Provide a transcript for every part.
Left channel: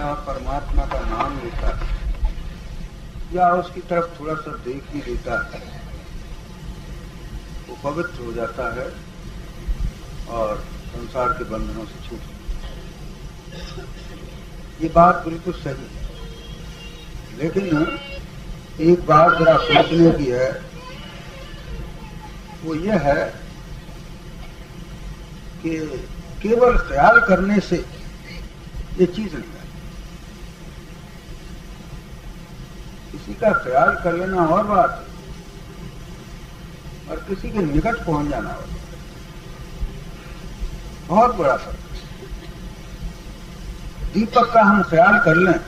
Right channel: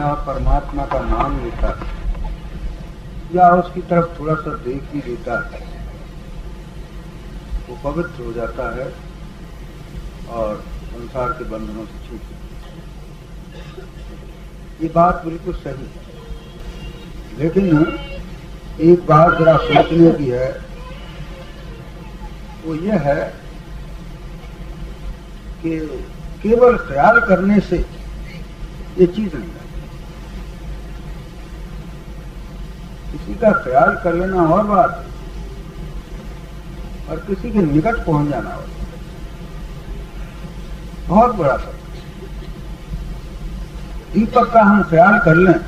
या परमात्मा का नाम लेता है या उसकी तरफ थोड़ा सा देख ही देता है, वो पवित्र हो जाता है और संसार के बंधनों से छूट जाता है। ये बात बिल्कुल सही है, लेकिन एक बात जरा सोचने की है, वो ये है कि केवल ख्याल करने से ये चीज नहीं आती। किसी का ख्याल कर लेना और बात है, और किसी के निकट पहुंच जाना और बहुत बड़ा फर्क है। दीपक का हम ख्याल कर लें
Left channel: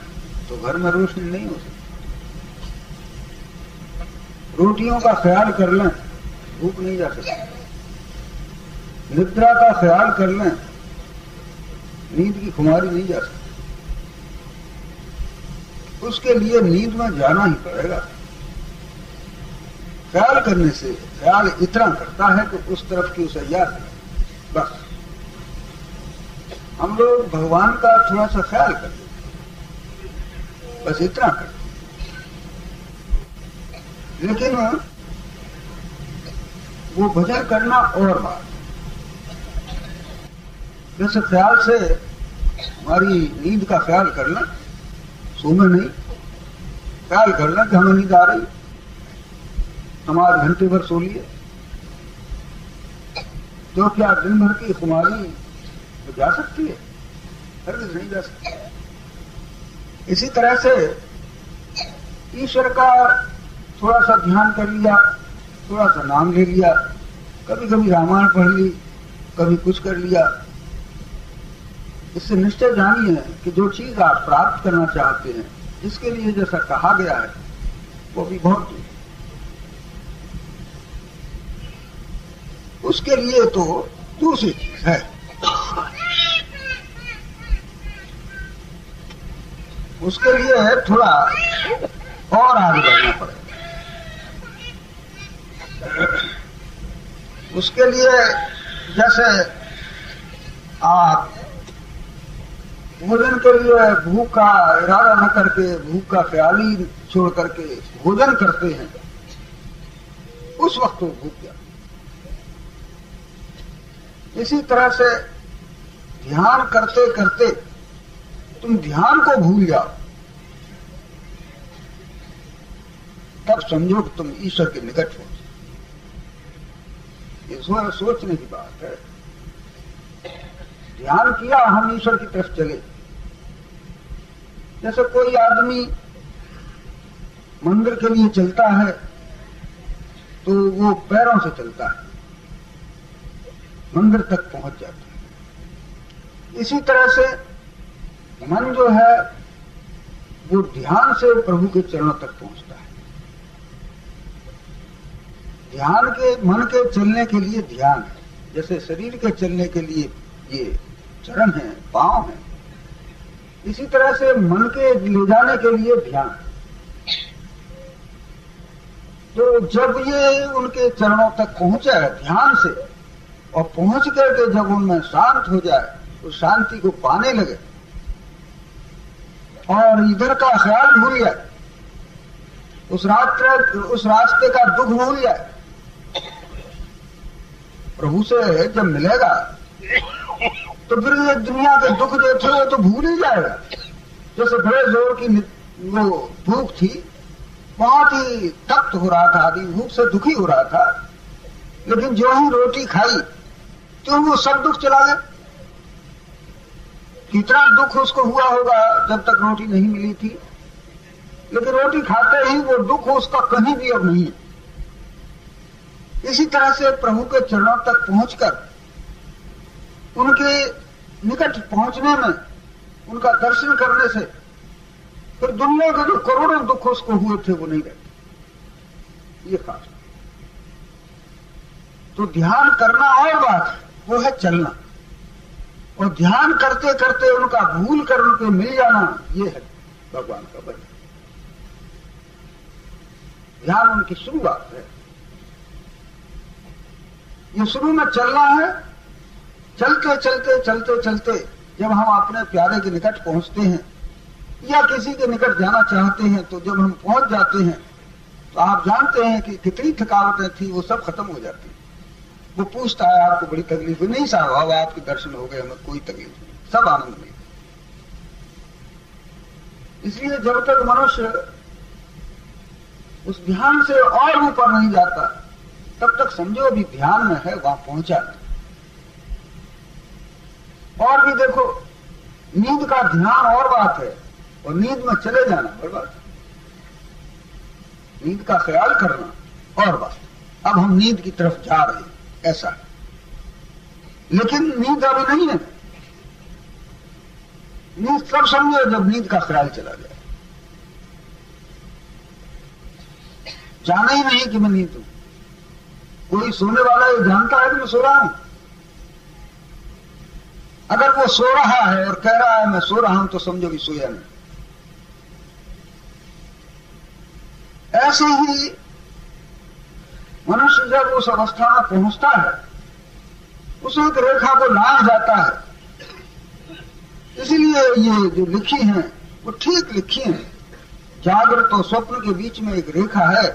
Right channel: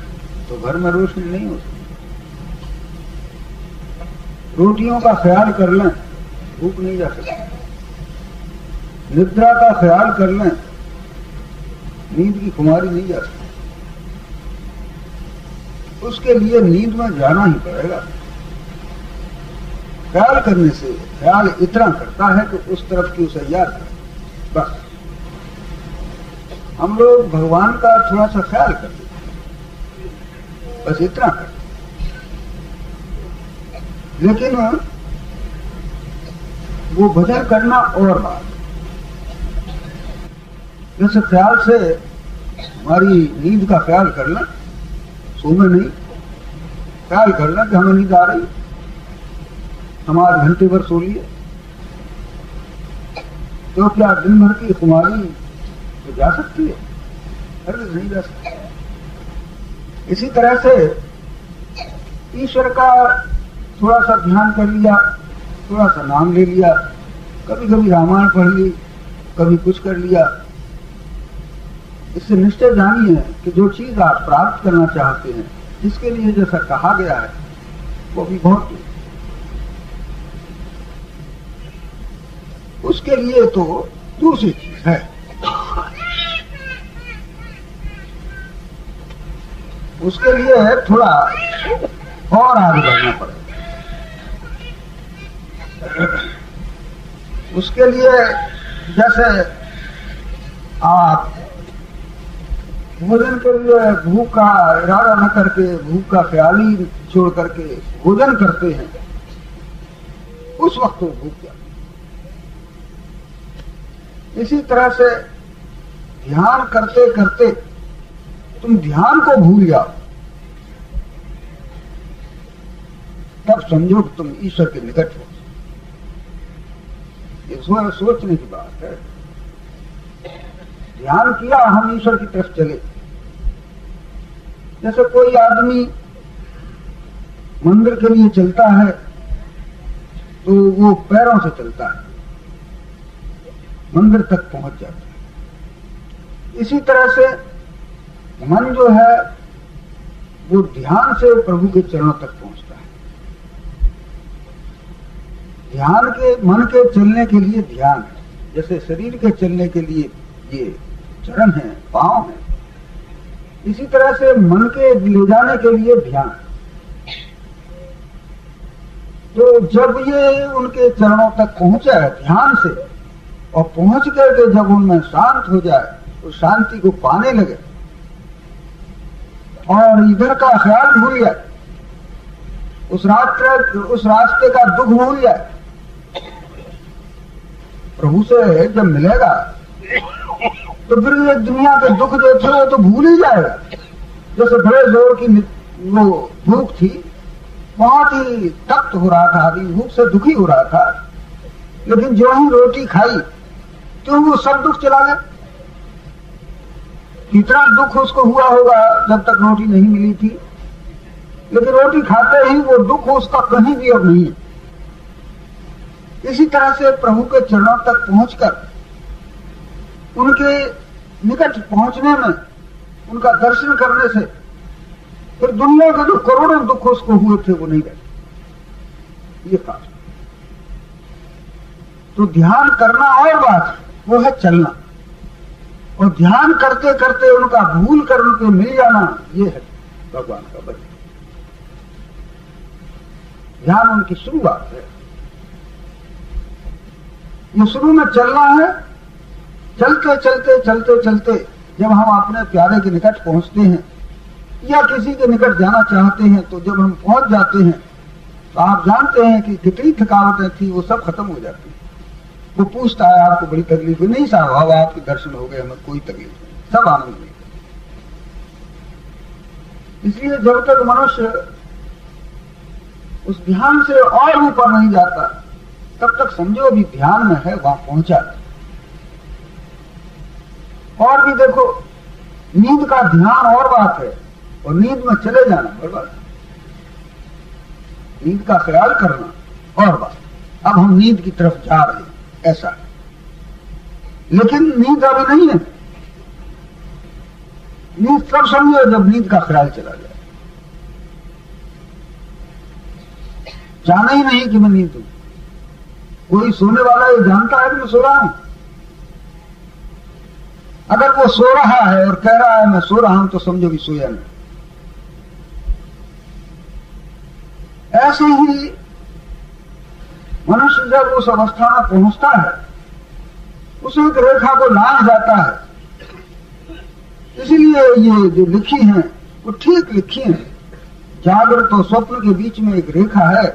तो घर में रोशनी नहीं हो सकती। रोटियों का ख्याल कर लें, भूख नहीं जा सकती। निद्रा का ख्याल कर लें, नींद की खुमारी नहीं जा सकती। उसके लिए नींद में जाना ही पड़ेगा। ख्याल करने से ख्याल इतना करता है कि उस तरफ की उसे याद है। बस हम लोग भगवान का थोड़ा सा ख्याल करते हैं, बस इतना करते हैं। लेकिन वो भजन करना और बात। जैसे ख्याल से हमारी नींद का ख्याल कर लें, सोमे नहीं, ख्याल कर लें कि हमें नींद आ रही, हम 8 घंटे भर सो लिए, तो क्या दिन भर की खुमारी तो जा सकती है? हरगिज़ नहीं जा सकती। इसी तरह से ईश्वर का थोड़ा सा ध्यान कर लिया, थोड़ा सा नाम ले लिया, कभी कभी रामायण पढ़ ली, कभी कुछ कर लिया। इससे निश्चय जानिए कि जो चीज आप प्राप्त करना चाहते हैं, जिसके लिए जैसा कहा गया है, वो भी बहुत, उसके लिए तो दूसरी चीज है। उसके लिए थोड़ा और आगे बढ़ना पड़ेगा। उसके लिए जैसे आप भोजन के लिए भूख का इरादा न करके, भूख का ख्याल ही छोड़ करके भोजन करते हैं, उस वक्त तो भूख जाती। इसी तरह से ध्यान करते करते तुम ध्यान को भूल जाओ, तब समझो कि तुम ईश्वर के निकट हो। इसमें सोचने की बात है। ध्यान किया, हम ईश्वर की तरफ चले। जैसे कोई आदमी मंदिर के लिए चलता है तो वो पैरों से चलता है, मंदिर तक पहुंच जाता है। इसी तरह से मन जो है वो ध्यान से प्रभु के चरणों तक पहुंचता है। ध्यान के, मन के चलने के लिए ध्यान है, जैसे शरीर के चलने के लिए ये चरण है, पांव है। इसी तरह से मन के ले जाने के लिए ध्यान। तो जब ये उनके चरणों तक पहुंचे ध्यान से, और पहुंच करके जब उनमें शांत हो जाए, तो शांति को पाने लगे और इधर का ख्याल भूल जाए, उस रास्ते का दुख भूल जाए। प्रभु से जब मिलेगा तो फिर ये दुनिया के दुख जो थे वो तो भूल ही जाएगा। जैसे बड़े जोर की वो भूख थी, बहुत ही तप्त हो रहा था, आदमी भूख से दुखी हो रहा था, लेकिन जो ही रोटी खाई तो वो सब दुख चला गया। कितना दुख उसको हुआ होगा जब तक रोटी नहीं मिली थी, लेकिन रोटी खाते ही वो दुख उसका कहीं भी अब नहीं है। इसी तरह से प्रभु के चरणों तक पहुंचकर उनके निकट पहुंचने में, उनका दर्शन करने से फिर दुनिया के जो करोड़ों दुख उसको हुए थे वो नहीं रहते। ये खास। तो ध्यान करना और बात है, वो है चलना। और ध्यान करते करते उनका भूल कर उनके मिल जाना, ये है भगवान का वचन। ध्यान उनकी शुरुआत है। ये शुरू में चलना है। चलते चलते चलते चलते जब हम अपने प्यारे के निकट पहुंचते हैं या किसी के निकट जाना चाहते हैं तो जब हम पहुंच जाते हैं तो आप जानते हैं कि कितनी थकावटें थी वो सब खत्म हो जाती है। वो पूछता है आपको बड़ी तकलीफ है? नहीं साहब, आपके दर्शन हो गए, हमें कोई तकलीफ नहीं, सब आनंद नहीं। इसलिए जब तक मनुष्य उस ध्यान से और ऊपर नहीं जाता तब तक समझो अभी ध्यान में है, वहां पहुंचा। और भी देखो, नींद का ध्यान और बात है और नींद में चले जाना और बात, नींद का ख्याल करना और बात। अब हम नींद की तरफ जा रहे हैं ऐसा है, लेकिन नींद अभी नहीं है। नींद सब समझो जब नींद का ख्याल चला जाए, जाना ही नहीं कि मैं नींद हूं। कोई सोने वाला ये जानता है कि मैं सो रहा हूं? अगर वो सो रहा है और कह रहा है मैं सो रहा हूं तो समझो कि सोया नहीं। ऐसे ही मनुष्य जब उस अवस्था में पहुंचता है, उस एक रेखा को लांघ जाता है। इसीलिए ये जो लिखी हैं वो ठीक लिखी हैं। जागृत और स्वप्न के बीच में एक रेखा है।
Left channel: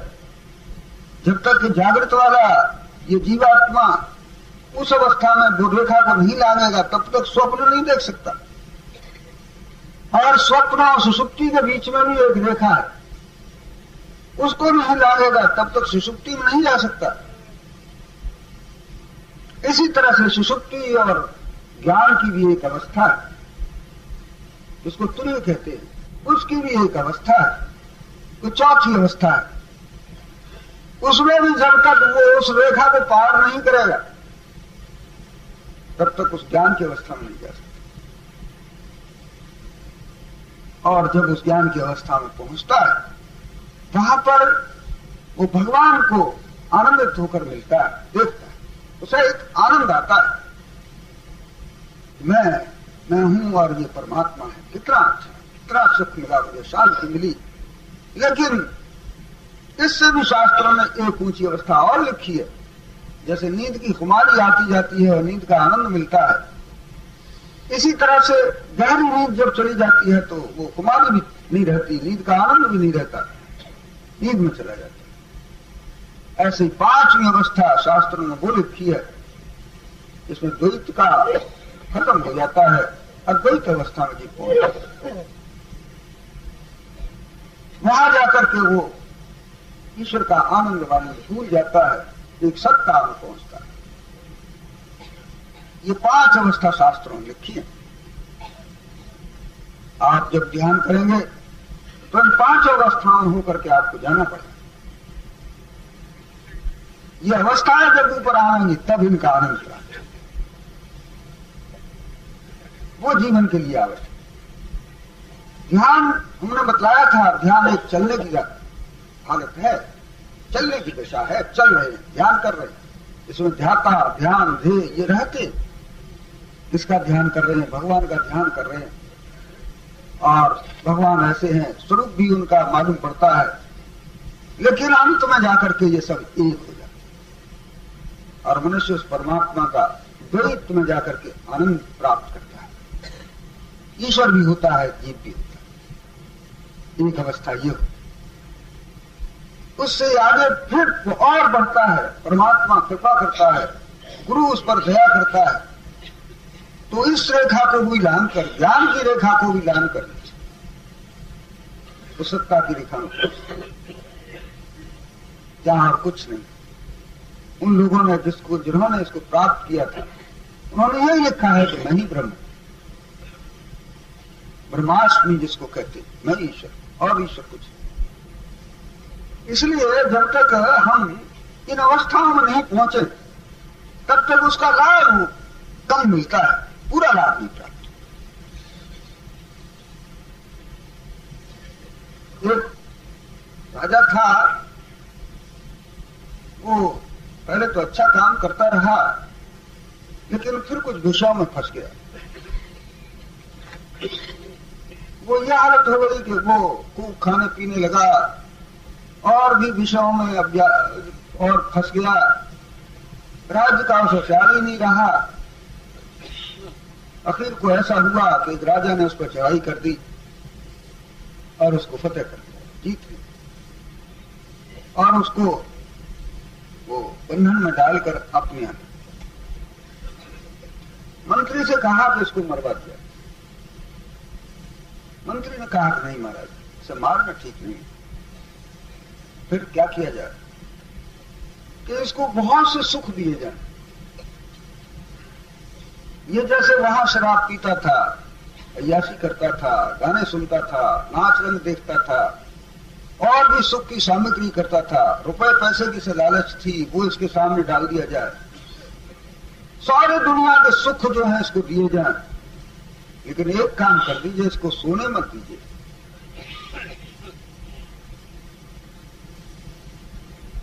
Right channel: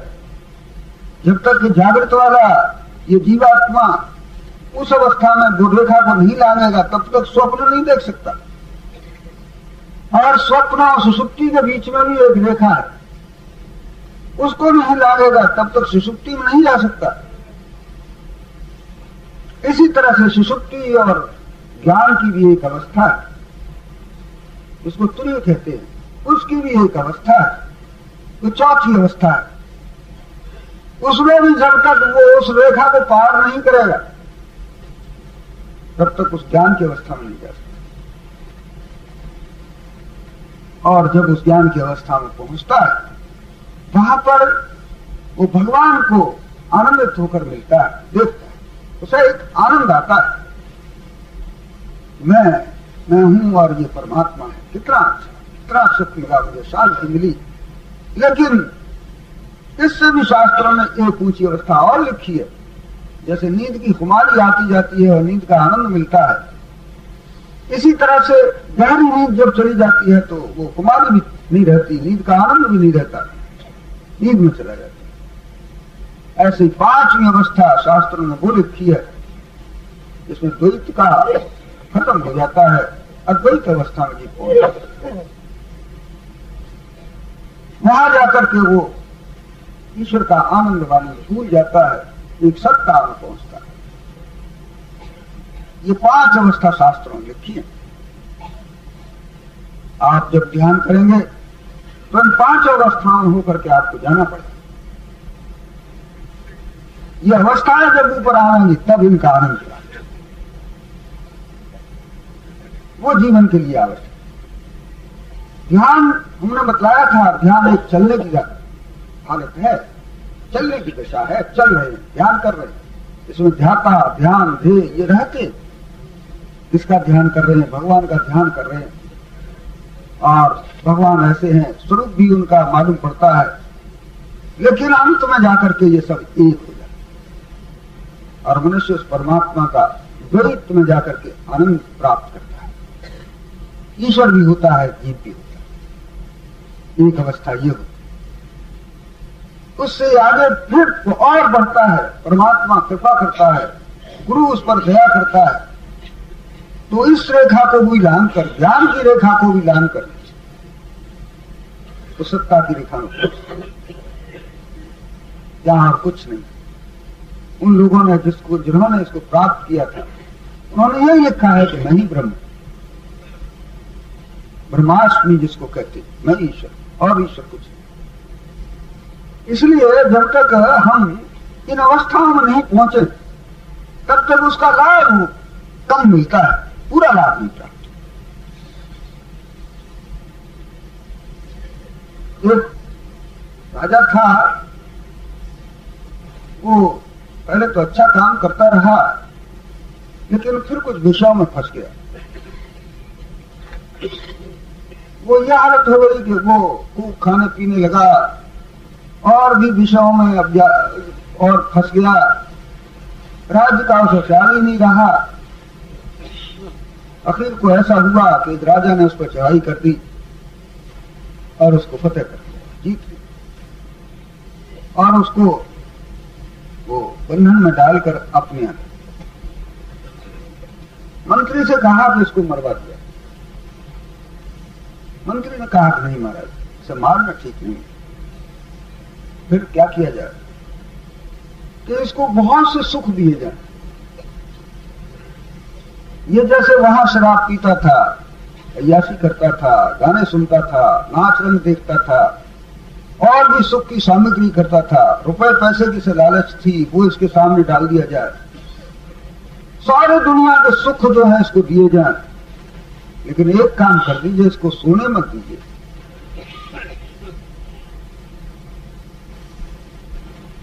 जब तक जागृत वाला ये जीवात्मा उस अवस्था में वो रेखा को नहीं लांघेगा तब तक स्वप्न नहीं देख सकता। और स्वप्न और सुषुप्ति के बीच में भी एक रेखा है, उसको नहीं लांघेगा तब तक सुषुप्ति में नहीं जा सकता। इसी तरह से सुषुप्ति और ज्ञान की भी एक अवस्था है, जिसको तुर्य कहते हैं, उसकी भी एक अवस्था है, वो चौथी अवस्था है। उसमें भी जब तक वो उस रेखा को पार नहीं करेगा तब तक उस ज्ञान की अवस्था में नहीं जा सकता। और जब उस ज्ञान की अवस्था में पहुंचता है वहां पर वो भगवान को आनंदित होकर मिलता है, देखता है, उसे एक आनंद आता है, मैं हूं और ये परमात्मा है। कितना अच्छा, कितना सुख मिला मुझे, शांति मिली। लेकिन इससे भी शास्त्रों ने एक ऊंची अवस्था और लिखी है। जैसे नींद की खुमारी आती जाती है और नींद का आनंद मिलता है, इसी तरह से गहरी नींद जब चली जाती है तो वो खुमारी भी नहीं रहती, नींद का आनंद भी नहीं रहता, नींद में चला जाता है। ऐसे पांचवी अवस्था शास्त्रों ने वो लिखी है जिसमें द्वैत का खत्म हो जाता है, अद्वैत अवस्था में जीव पहुंचता है। वहां जाकर के वो ईश्वर का आनंद वाली भूल जाता है, एक सत्ता में पहुंचता है। ये पांच अवस्था शास्त्रों में लिखी है। आप जब ध्यान करेंगे तो इन पांच अवस्थाओं में होकर के आपको जाना पड़ेगा। ये अवस्थाएं जब ऊपर आएंगी तब इनका आनंद प्राप्त होगा, वो जीवन के लिए आवश्यक। ध्यान हमने बतलाया था, ध्यान एक चलने की हालत है, चलने की दशा है, चल रहे हैं, ध्यान कर रहे हैं। इसमें ध्याता, ध्यान, ध्येय ये रहते, किसका ध्यान कर रहे हैं? भगवान का ध्यान कर रहे हैं। और भगवान ऐसे हैं, स्वरूप भी उनका मालूम पड़ता है, लेकिन अंत में जाकर के ये सब एक हो जाता है और मनुष्य उस परमात्मा का द्वैत में जाकर के आनंद प्राप्त करता है। ईश्वर भी होता है, जीव भी होता है। एक अवस्था ये होती, उससे आगे फिर और बढ़ता है, परमात्मा कृपा करता है, गुरु उस पर दया करता है, तो इस रेखा को भी लांघ कर, ज्ञान की रेखा को भी लांघ कर तो सत्ता की रेखा में जहां कुछ नहीं। उन लोगों ने जिन्होंने इसको प्राप्त किया था, उन्होंने यही लिखा है कि मैं ही ब्रह्म, ब्रह्माष्टमी जिसको कहते, मैं ईश्वर और ईश्वर कुछ नहीं। इसलिए जब तक हम इन अवस्थाओं में नहीं पहुंचे तब तक उसका लाभ कम मिलता है, पूरा लाभ नहीं प्राप्त। एक राजा था, वो पहले तो अच्छा काम करता रहा, लेकिन फिर कुछ विषयों में फंस गया। वो यह हालत हो गई कि वो खूब खाने पीने लगा और भी विषयों में और फंस गया। राज्य का उसे ख्याल ही नहीं रहा। आखिर को ऐसा हुआ कि राजा ने उस पर चढ़ाई कर दी और उसको फतेह कर दिया, जीत लिया, और उसको वो बंधन में डालकर अपने यहाँ मंत्री से कहा कि इसको मरवा दिया। मंत्री ने कहा कि नहीं महाराज, इसे मारना ठीक नहीं। फिर क्या किया जाए कि इसको बहुत से सुख दिए जाए। ये जैसे वहां शराब पीता था, अय्याशी करता था, गाने सुनता था, नाच रंग देखता था, और भी सुख की सामग्री करता था, रुपए पैसे की से लालच थी, वो इसके सामने डाल दिया जाए। सारे दुनिया के सुख जो है इसको दिए जाए, लेकिन एक काम कर दीजिए, इसको सोने मत दीजिए।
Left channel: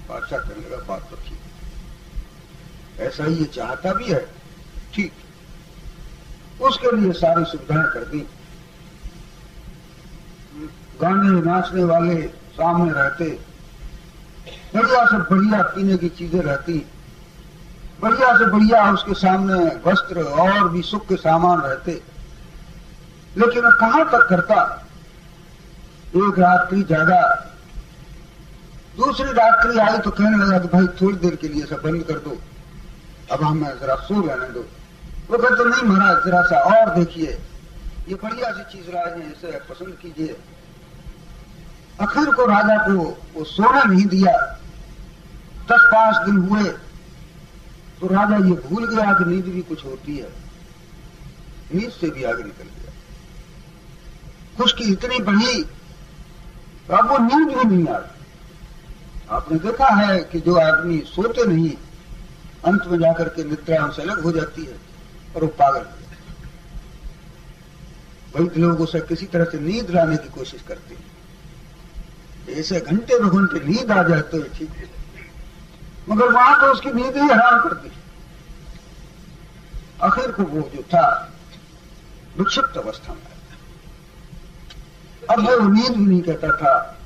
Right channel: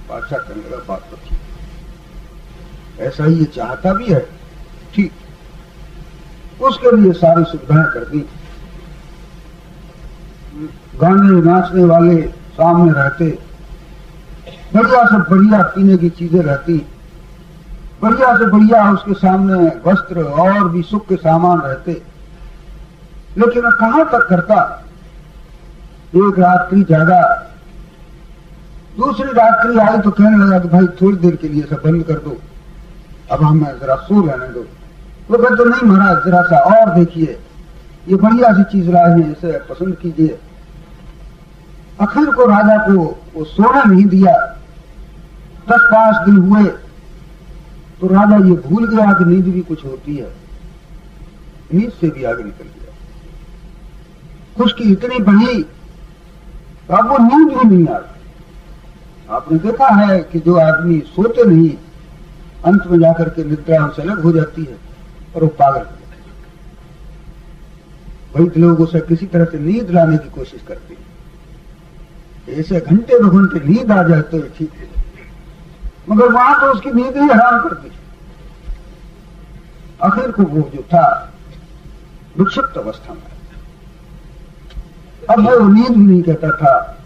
बादशाह करने लगा, बात तो ठीक, ऐसा ही ये चाहता भी है, ठीक, उसके लिए सारी सुविधाएं कर दी। गाने नाचने वाले सामने रहते, बढ़िया से बढ़िया पीने की चीजें रहती, बढ़िया से बढ़िया उसके सामने वस्त्र और भी सुख के सामान रहते, लेकिन कहां तक करता। एक रात्रि जागा, दूसरी रात्रि आई तो कहने लगा कि भाई थोड़ी देर के लिए सब बंद कर दो, अब हमें जरा सो रहने दो। वो कहते नहीं महाराज, जरा सा और देखिए, ये बढ़िया सी चीज लाए हैं, इसे पसंद कीजिए। आखिर को राजा को वो सोने नहीं दिया। 10-5 दिन हुए तो राजा ये भूल गया कि नींद भी कुछ होती है, नींद से भी आगे निकल गया। खुशकी इतनी बढ़ी, अब वो नींद भी नहीं आती। आपने देखा है कि जो आदमी सोते नहीं, अंत में जाकर के निद्रा से अलग हो जाती है और वो पागल। वही लोग उसे किसी तरह से नींद लाने की कोशिश करते हैं, ऐसे घंटे 2 घंटे नींद आ जाए तो ठीक है, मगर वहां तो उसकी नींद ही हराम करती। आखिर को वो जो था विक्षिप्त अवस्था में, अब वो नींद भी नहीं कहता था,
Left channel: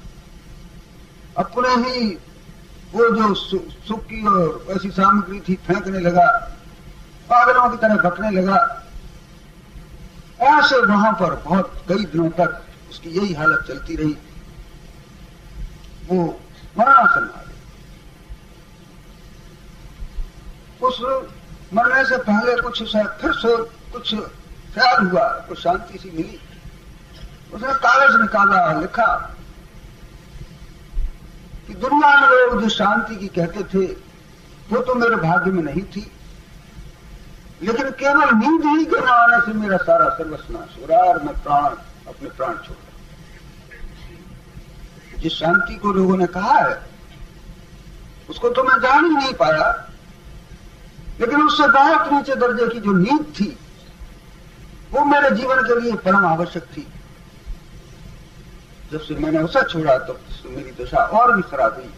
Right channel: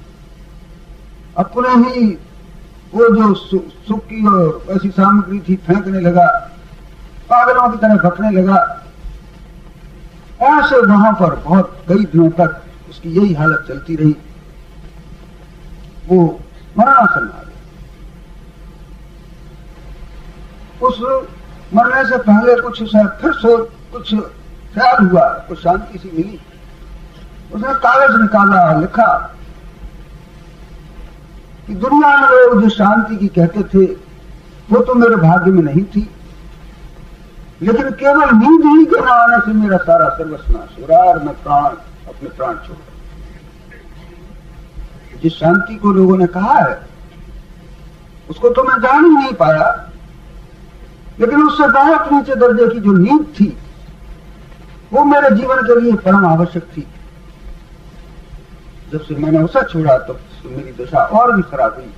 अपने ही वो जो सुख की और ऐसी सामग्री थी फेंकने लगा, पागलों की तरह भटकने लगा। ऐसे वहां पर बहुत कई दिनों तक उसकी यही हालत चलती रही। वो मरणासन आ गया। उस मरने से पहले कुछ फिर कुछ ख्याल हुआ, कुछ शांति सी मिली। उसने कागज निकाला, लिखा कि दुनिया में लोग जो शांति की कहते थे वो तो मेरे भाग्य में नहीं थी, लेकिन केवल नींद ही के न आने से मेरा सारा सर्वस्व नाश हो रहा और मैं अपने प्राण छोड़ रहा। जिस शांति को लोगों ने कहा है उसको तो मैं जान ही नहीं पाया, लेकिन उससे बहुत नीचे दर्जे की जो नींद थी वो मेरे जीवन के लिए परम आवश्यक थी। जब से मैंने उसे छोड़ा तब तो मेरी दशा और भी खराब हुई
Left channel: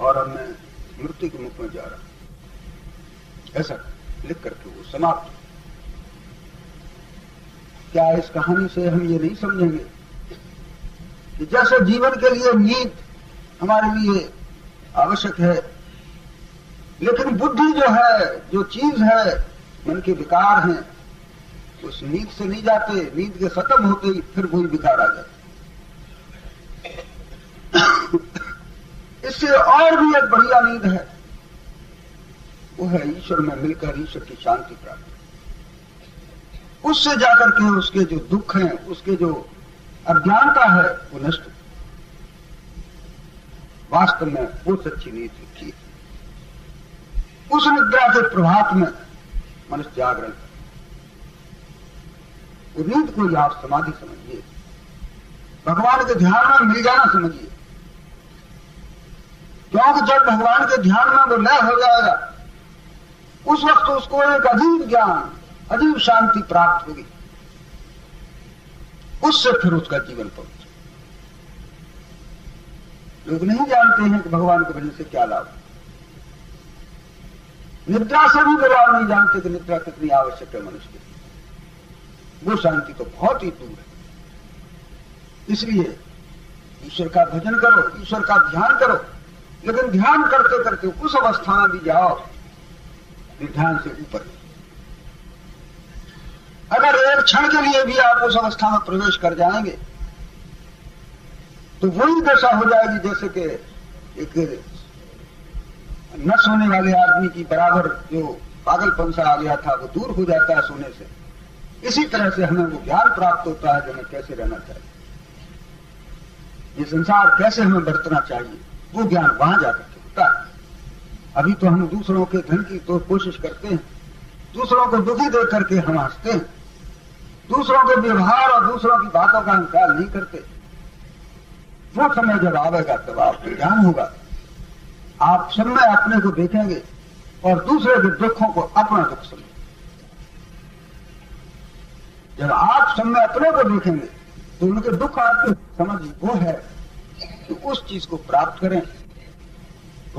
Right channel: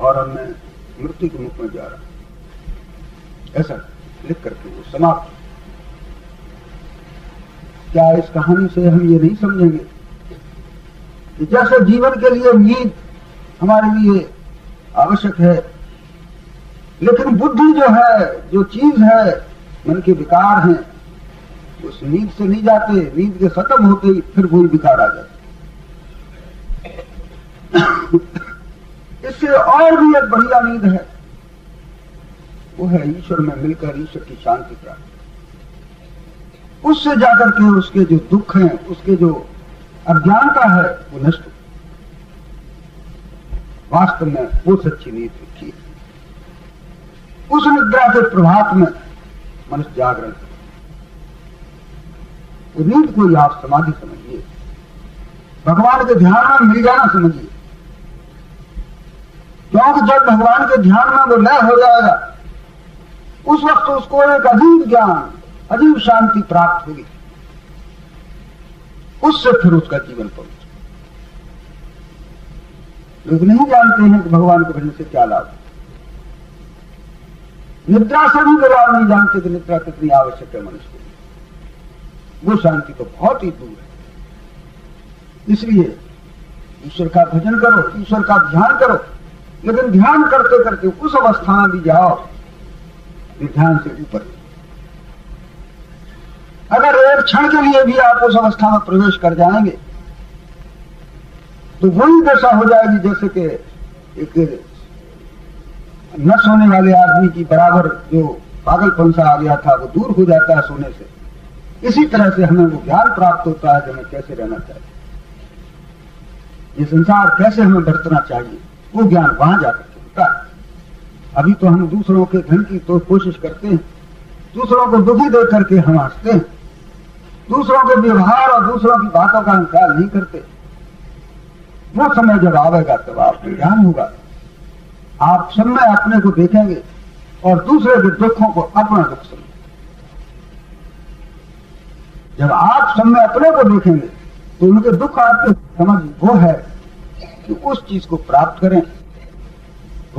और अब मैं मृत्यु के मुख में जा रहा। ऐसा लिख करके वो समाप्त। क्या इस कहानी से हम ये नहीं समझेंगे कि जैसे जीवन के लिए नींद हमारे लिए आवश्यक है, लेकिन बुद्धि जो है, जो चीज है, मन के विकार हैं, उस नींद से नहीं जाते, नींद के खत्म होते ही फिर वही विकार आ जाते। इससे और भी एक बढ़िया नींद है, वो है ईश्वर में मिलकर ईश्वर की शांति प्राप्त। उससे जाकर के उसके जो दुख हैं, उसके जो अज्ञानता है वो नष्ट। वास्तव में वो सच्ची नींद रखी। उस निद्रा के प्रभात में मनुष्य जागरण, वो नींद को आप समाधि समझिए, भगवान के ध्यान में मिल जाना समझिए। क्योंकि जब भगवान के ध्यान में वो लय हो जाएगा उस वक्त उसको एक अजीब ज्ञान, अजीब शांति प्राप्त होगी। उससे फिर उसका जीवन पवित्र। लोग नहीं जानते हैं कि भगवान के भजन से क्या लाभ। निद्रा से भी लाभ नहीं जानते कि निद्रा कितनी आवश्यक है मनुष्य के लिए। वो शांति तो बहुत ही दूर है। इसलिए ईश्वर का भजन करो, ईश्वर का ध्यान करो, लेकिन ध्यान करते करते उस अवस्था में भी जाओ ध्यान से ऊपर। अगर एक क्षण के लिए भी आप उस अवस्था में प्रवेश कर जाएंगे तो वही दशा हो जाएगी जैसे कि एक न सोने वाले आदमी की बराबर जो पागलपन सा आ गया था वो दूर हो जाता है सोने से। इसी तरह से हमें वो ज्ञान प्राप्त होता है कि हमें कैसे रहना चाहिए, ये संसार कैसे हमें बरतना चाहिए, वो ज्ञान वहां जाकर होता है। अभी तो हम दूसरों के धन की तो कोशिश करते हैं, दूसरों को दुखी दे करके हम हंसते हैं, दूसरों के व्यवहार और दूसरों की बातों का हम ख्याल नहीं करते। वो समय जब आवेगा तब आपको ज्ञान होगा। आप सब में अपने को देखेंगे और दूसरे के दुखों को अपना दुख समझेंगे। जब आप सब में अपने को देखेंगे तो उनके दुख आपको समझ वो है कि उस चीज को प्राप्त करें।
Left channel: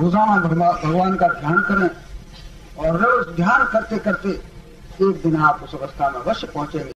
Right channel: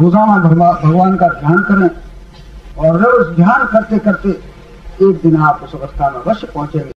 रोजाना भगवान का ध्यान करें और रोज ध्यान करते करते एक दिन आप उस अवस्था में अवश्य पहुंचेंगे।